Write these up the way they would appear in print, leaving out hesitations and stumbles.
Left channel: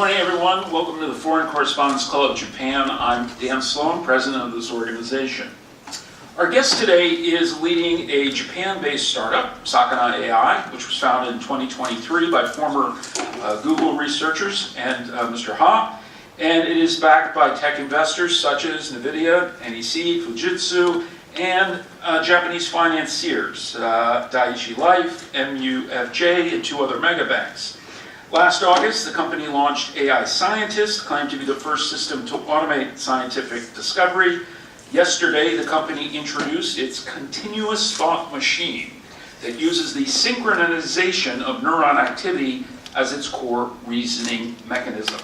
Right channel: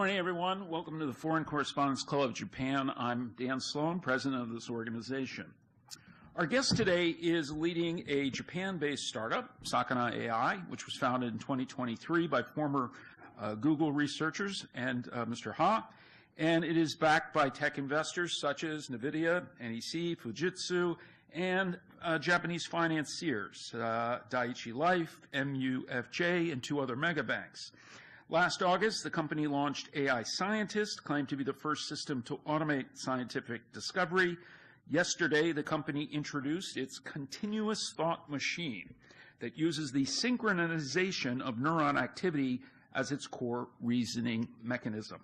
morning, everyone. Welcome to the Foreign Correspondents Club of Japan. I'm Dan Sloan, president of this organization. Our guest today is leading a Japan-based startup, Sakana AI, which was founded in 2023 by former Google researchers and Mr. Ha. And it is backed by tech investors such as Nvidia, NEC, Fujitsu, and Japanese financiers, Dai-ichi Life, MUFJ, and two other mega banks. Last August, the company launched AI Scientist, claimed to be the first system to automate scientific discovery. Yesterday, the company introduced its continuous thought machine that uses the synchronization of neuron activity as its core reasoning mechanism.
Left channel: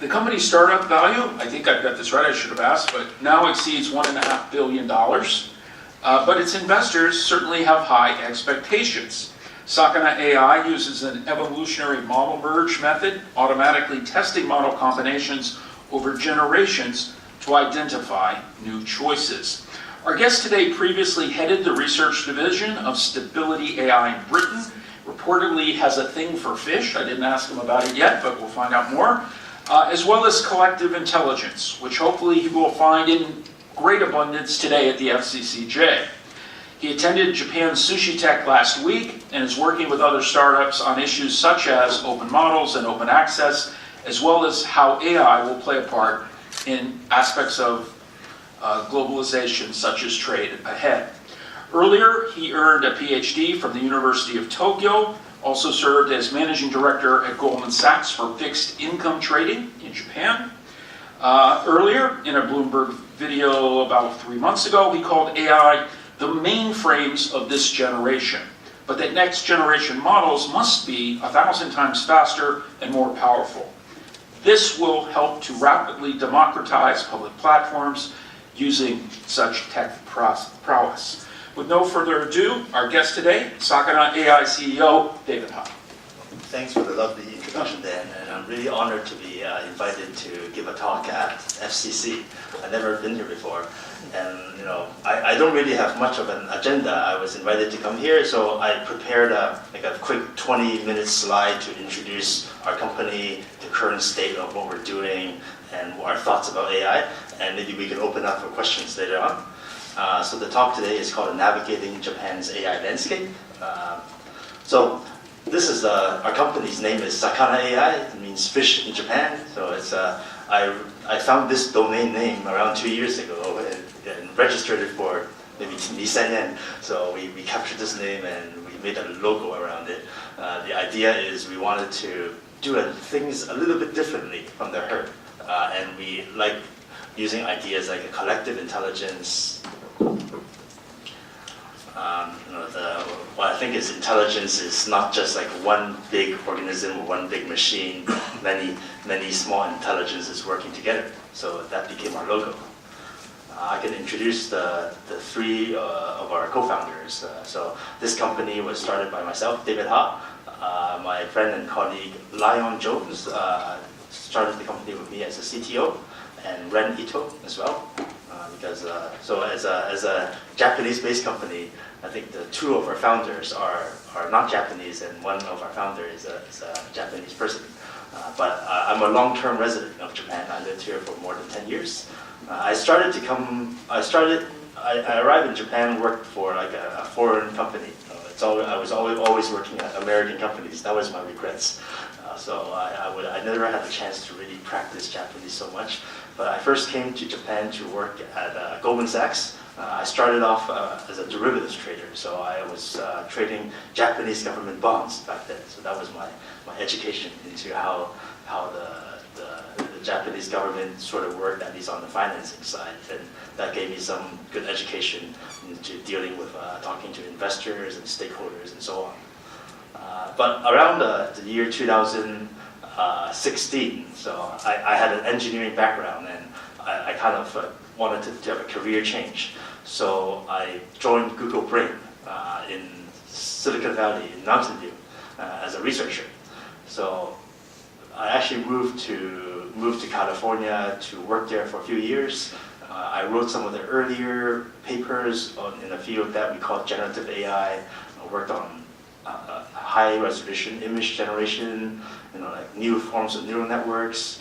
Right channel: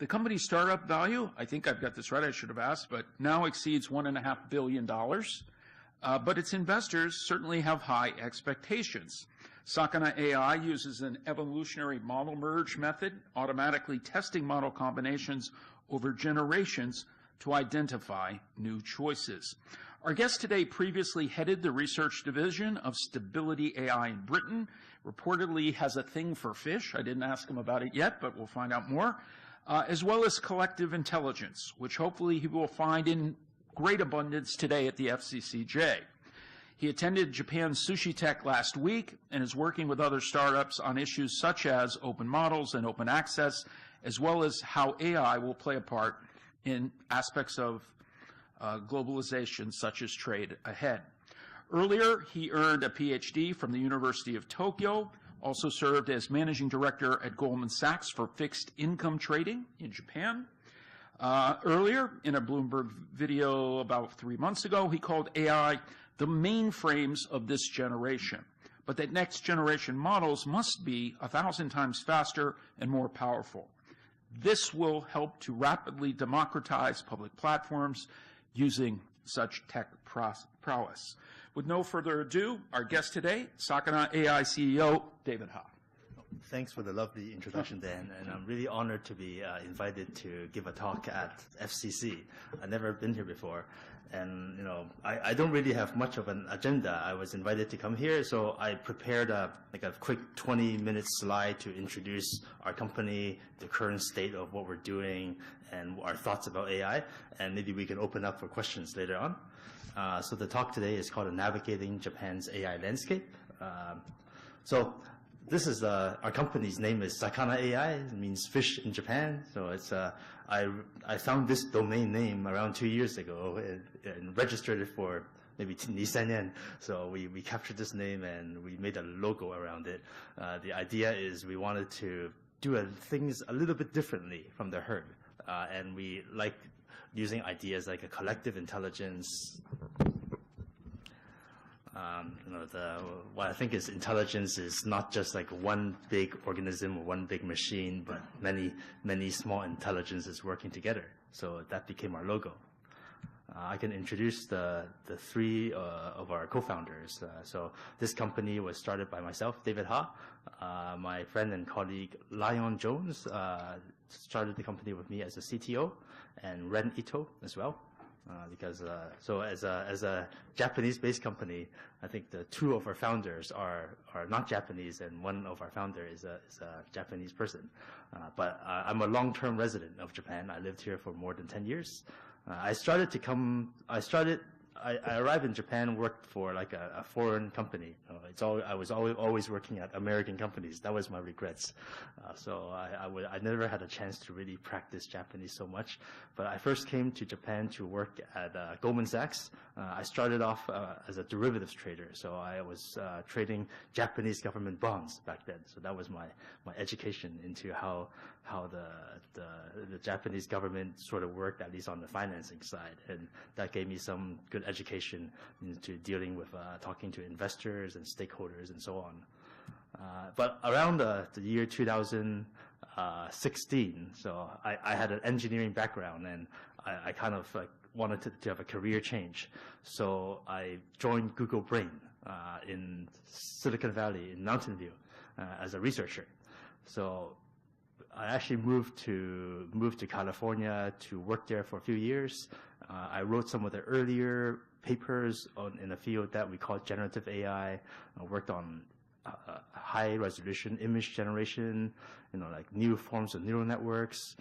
The company's startup value, I think I've got this right, I should have asked, but now exceeds $1.5 billion. But its investors certainly have high expectations. Sakana AI uses an evolutionary model merge method, automatically testing model combinations over generations to identify new choices. Our guest today previously headed the research division of Stability AI in Britain, reportedly has a thing for fish. I didn't ask him about it yet, but we'll find out more. As well as collective intelligence, which hopefully he will find in great abundance today at the FCCJ. He attended Japan's Sushi Tech last week and is working with other startups on issues such as open models and open access, as well as how AI will play a part in aspects of globalization such as trade ahead. Earlier, he earned a Ph.D. from the University of Tokyo, also served as managing director at Goldman Sachs for fixed income trading in Japan. Earlier, in a Bloomberg video about 3 months ago, he called AI the mainframes of this generation, but that next generation models must be 1,000 times faster and more powerful. This will help to rapidly democratize public platforms using such tech prowess. With no further ado, our guest today, Sakana AI CEO, David Ha. Thanks for the lovely introduction, Dan, and I'm really honored to be invited to give a talk at FCC. I've never been here before, and I don't really have much of an agenda. I was invited to come here, so I prepared a quick 20-minute slide to introduce our company, the current state of what we're doing, and our thoughts about AI, and maybe we can open up for questions later on. So the talk today is called Navigating Japan's AI Landscape. So this is our company's name is Sakana AI. It means fish in Japan. So it's I found this domain name around 2 years ago and registered it for maybe Nissan yen. So we captured this name and we made a logo around it. The idea is we wanted to do things a little bit differently from the herd, and we like using ideas like a collective intelligence. What I think is intelligence is not just like one big organism or one big machine, many small intelligences working together. So that became our logo. I can introduce the three of our co-founders. So this company was started by myself, David Ha, my friend and colleague Lion Jones started the company with me as a CTO, and Ren Ito as well. So as a Japanese-based company, I think the two of our founders are not Japanese, and one of our founders is a Japanese person. But I'm a long-term resident of Japan. I lived here for more than 10 years. I arrived in Japan and worked for like a foreign company. I was always working at American companies. That was my regrets. So I never had a chance to really practice Japanese so much. But I first came to Japan to work at Goldman Sachs. I started off as a derivatives trader, so I was trading Japanese government bonds back then. So that was my education into how the Japanese government sort of worked, at least on the financing side. And that gave me some good education into dealing with talking to investors and stakeholders and so on. But around the year 2016, so I had an engineering background, and I kind of wanted to have a career change. So I joined Google Brain in Silicon Valley, in Mountain View, as a researcher. So I actually moved to California to work there for a few years. I wrote some of the earlier papers in a field that we call generative AI. I worked on high-resolution image generation, like new forms of neural networks,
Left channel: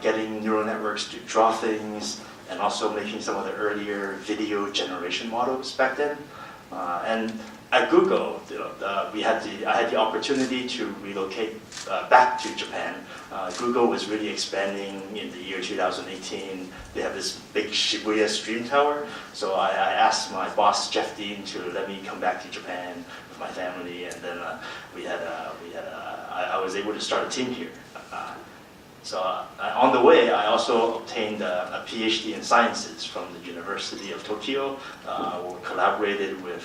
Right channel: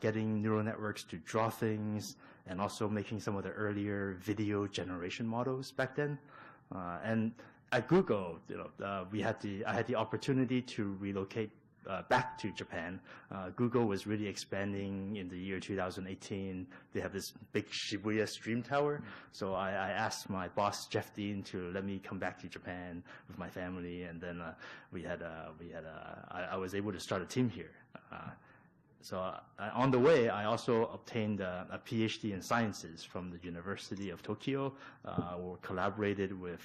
getting neural networks to draw things, and also making some of the earlier video generation models back then. And at Google, I had the opportunity to relocate back to Japan. Google was really expanding in the year 2018. They have this big Shibuya Stream Tower. So I asked my boss, Ph.D, to let me come back to Japan with my family, and then I was able to start a team here. On the way, I also obtained a Ph.D. in sciences from the University of Tokyo. Collaborated with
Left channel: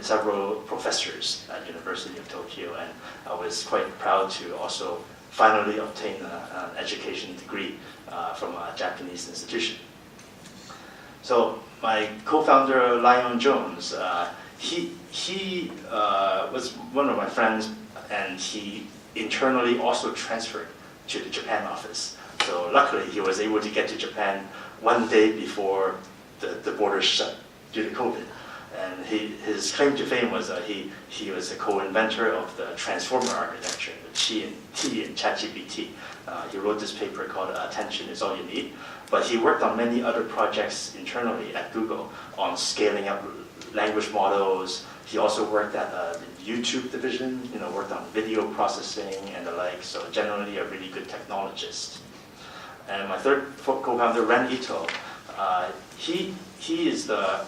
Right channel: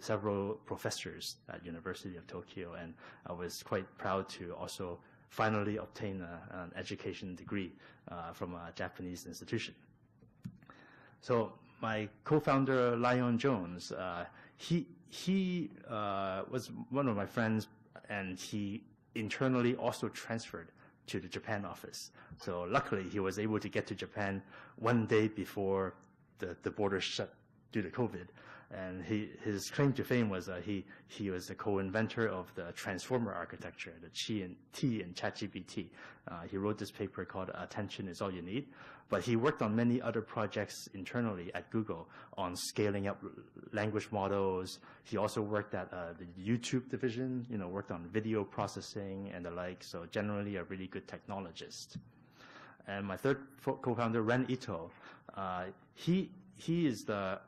several professors at University of Tokyo, and I was quite proud to also finally obtain an education degree from a Japanese institution. So my co-founder, Lion Jones, he was one of my friends, and he internally also transferred to the Japan office. So luckily, he was able to get to Japan one day before the borders shut due to COVID. And his claim to fame was he was a co-inventor of the transformer architecture, the T in ChatGPT. He wrote this paper called "Attention is All You Need." But he worked on many other projects internally at Google on scaling up language models. He also worked at the YouTube division, worked on video processing and the like, so generally a really good technologist. And my third co-founder, Ren Ito, he is the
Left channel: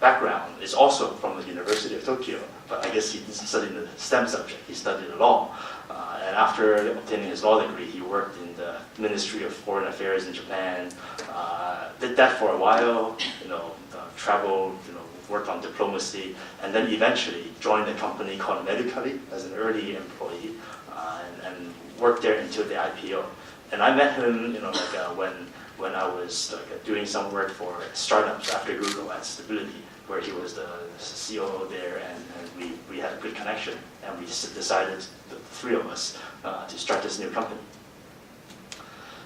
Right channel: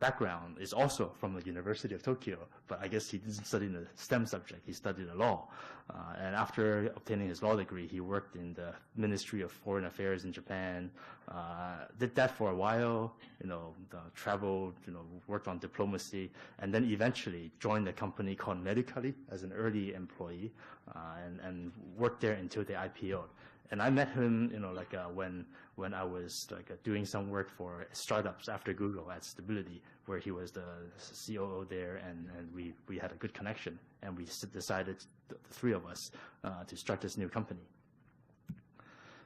background is also from the University of Tokyo, but I guess he didn't study the STEM subject, he studied law. And after obtaining his law degree, he worked in the Ministry of Foreign Affairs in Japan, did that for a while, traveled, worked on diplomacy, and then eventually joined a company called Medically as an early employee, and worked there until the IPO. And I met him, when I was doing some work for startups after Google at Stability, where he was the COO there, and we had a good connection, and we decided, the three of us, to start this new company.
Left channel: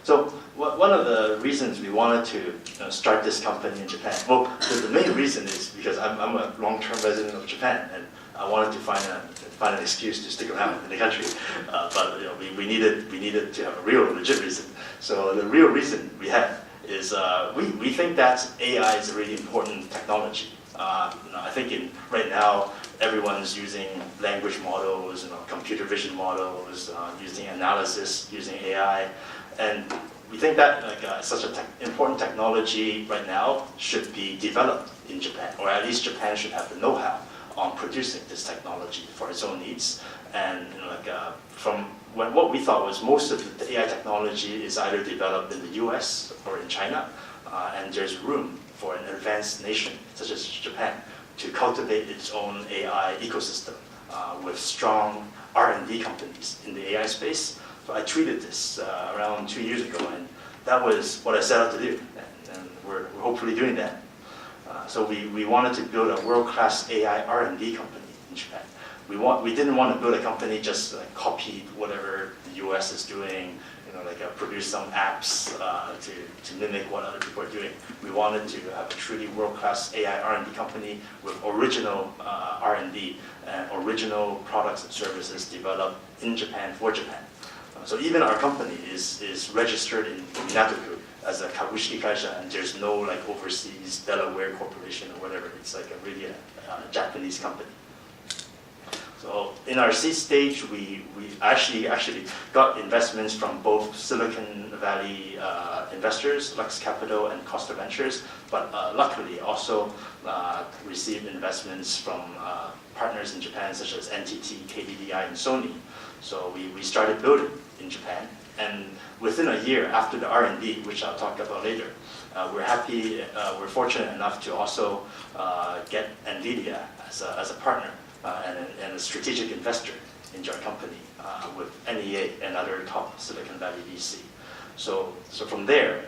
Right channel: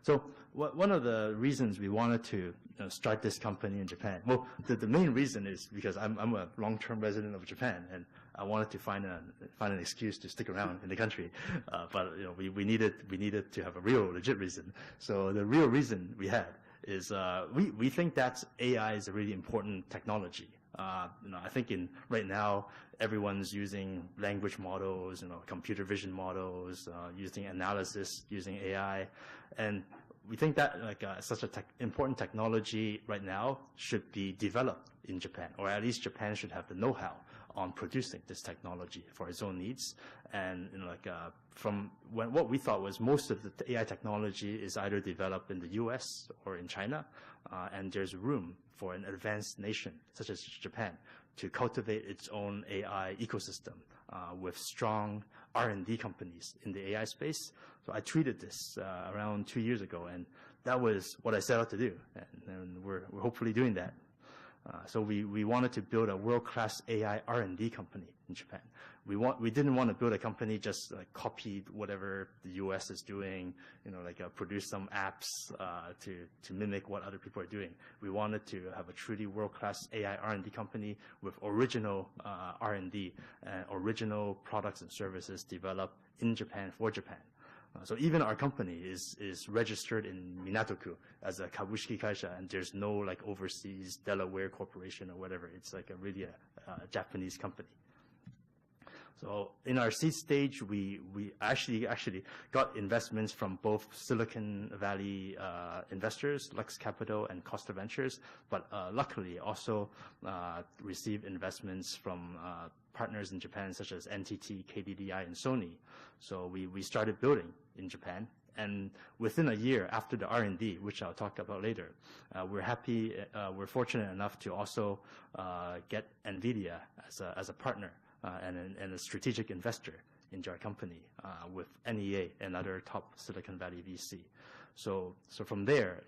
So one of the reasons we wanted to start this company in Japan, well, the main reason is because I'm a long-term resident of Japan, and I wanted to find an excuse to stick around in the country. But we needed to have a real legit reason. So the real reason we had is we think that AI is a really important technology. I think right now everyone's using language models, computer vision models, using analysis, using AI. And we think that such an important technology right now should be developed in Japan, or at least Japan should have the know-how on producing this technology for its own needs. And from what we thought was most of the AI technology is either developed in the US or in China, and there's room for an advanced nation such as Japan to cultivate its own AI ecosystem with strong R&D companies in the AI space. So I tweeted this around 2 years ago, and that was what I set out to do, and we're hopefully doing that. So we wanted to build a world-class AI R&D company in Japan. We didn't want to build a company just copy whatever the US is doing, produce some apps to mimic what other people are doing. We wanted to have a truly world-class AI R&D company with original R&D and original products and services developed in Japan for Japan. So even our company is registered in Minato-ku as a kabushiki kaisha, and there's no overseas Delaware corporation or whatever. It's really a Japanese company. So in our seed stage, we actually got investments from both Silicon Valley investors, Lux Capital and Costa Ventures, but luckily also received investments from partners in Japan such as NTT, KDDI, and Sony. So we started building in Japan, and within a year after the R&D, which I'll talk about later, we're fortunate enough to also get Nvidia as a partner and a strategic investor into our company with NEA and other top Silicon Valley VC. So from there,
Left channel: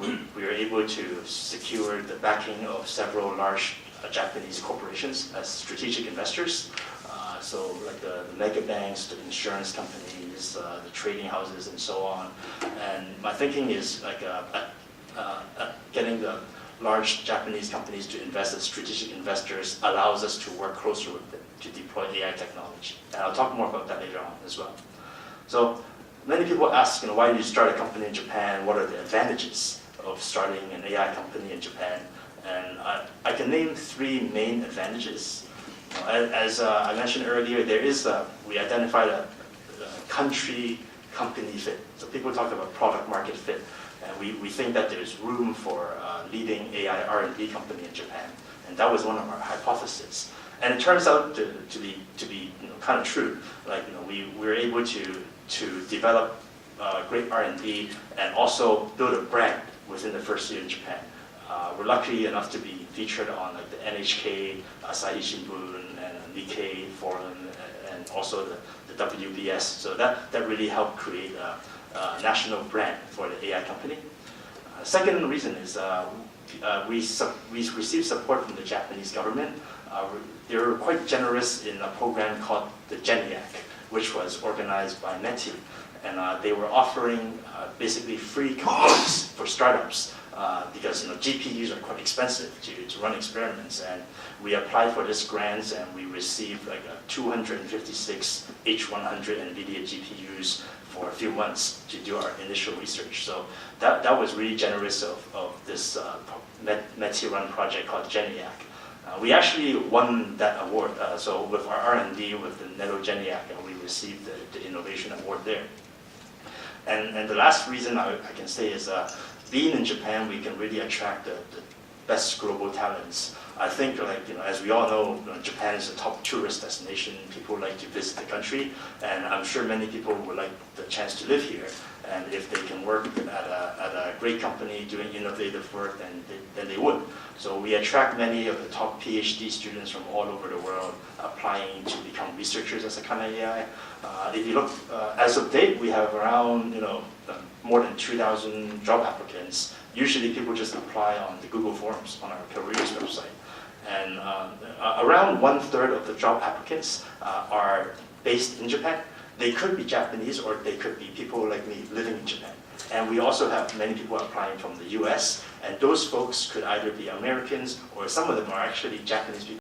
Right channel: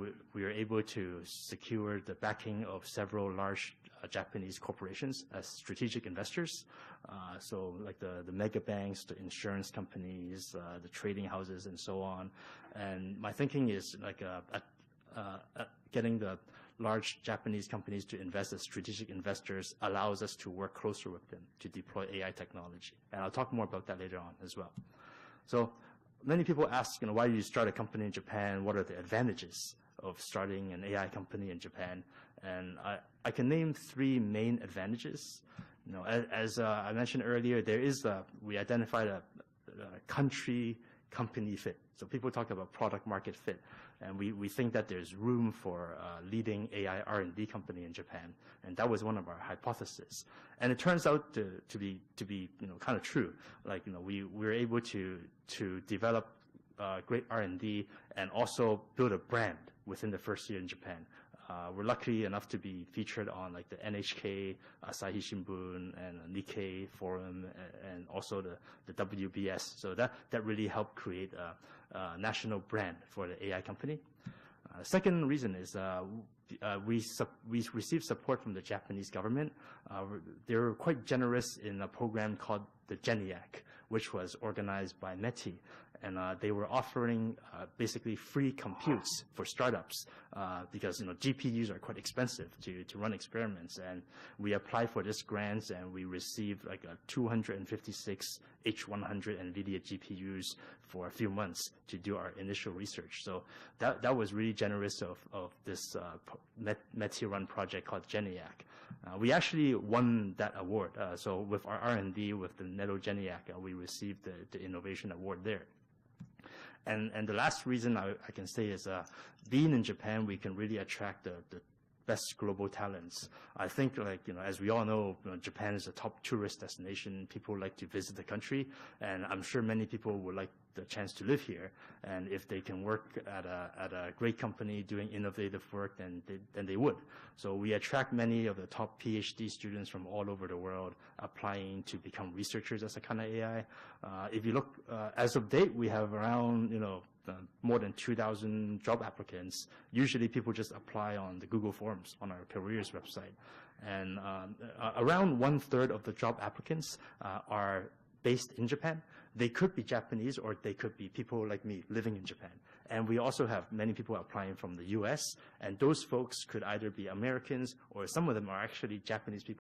we were able to secure the backing of several large Japanese corporations as strategic investors. So the mega banks, the insurance companies, the trading houses, and so on. And my thinking is getting the large Japanese companies to invest as strategic investors allows us to work closer with them to deploy AI technology. And I'll talk more about that later on as well. So many people ask, why do you start a company in Japan? What are the advantages of starting an AI company in Japan? And I can name three main advantages. As I mentioned earlier, we identified a country-company fit. So people talk about product market fit, and we think that there's room for a leading AI R&D company in Japan, and that was one of our hypotheses. And it turns out to be kind of true. We were able to develop great R&D and also build a brand within the first year in Japan. We're lucky enough to be featured on the NHK, Asahi Shimbun, and Nikkei Forum, and also the WBS. So that really helped create a national brand for the AI company. Second reason is we received support from the Japanese government. They were quite generous in a program called the GENIAC, which was organized by METI. And they were offering basically free components for startups because GPUs are quite expensive to run experiments. And we applied for this grant, and we received 256 H100 Nvidia GPUs for a few months to do our initial research. So that was really generous of this METI-run project called GENIAC. We actually won that award. So with our R&D with the Neto GENIAC, we received the Innovation Award there. And the last reason I can say is being in Japan, we can really attract the best global talents. I think, as we all know, Japan is a top tourist destination. People like to visit the country, and I'm sure many people would like the chance to live here. And if they can work at a great company doing innovative work, then they would. So we attract many of the top Ph.D. students from all over the world applying to become researchers at Sakana AI. If you look, as of date, we have around more than 2,000 job applicants. Usually people just apply on the Google Forms on our careers website. And around 1/3 of the job applicants are based in Japan. They could be Japanese, or they could be people like me living in Japan. And we also have many people applying from the US, and those folks could either be Americans, or some of them are actually Japanese people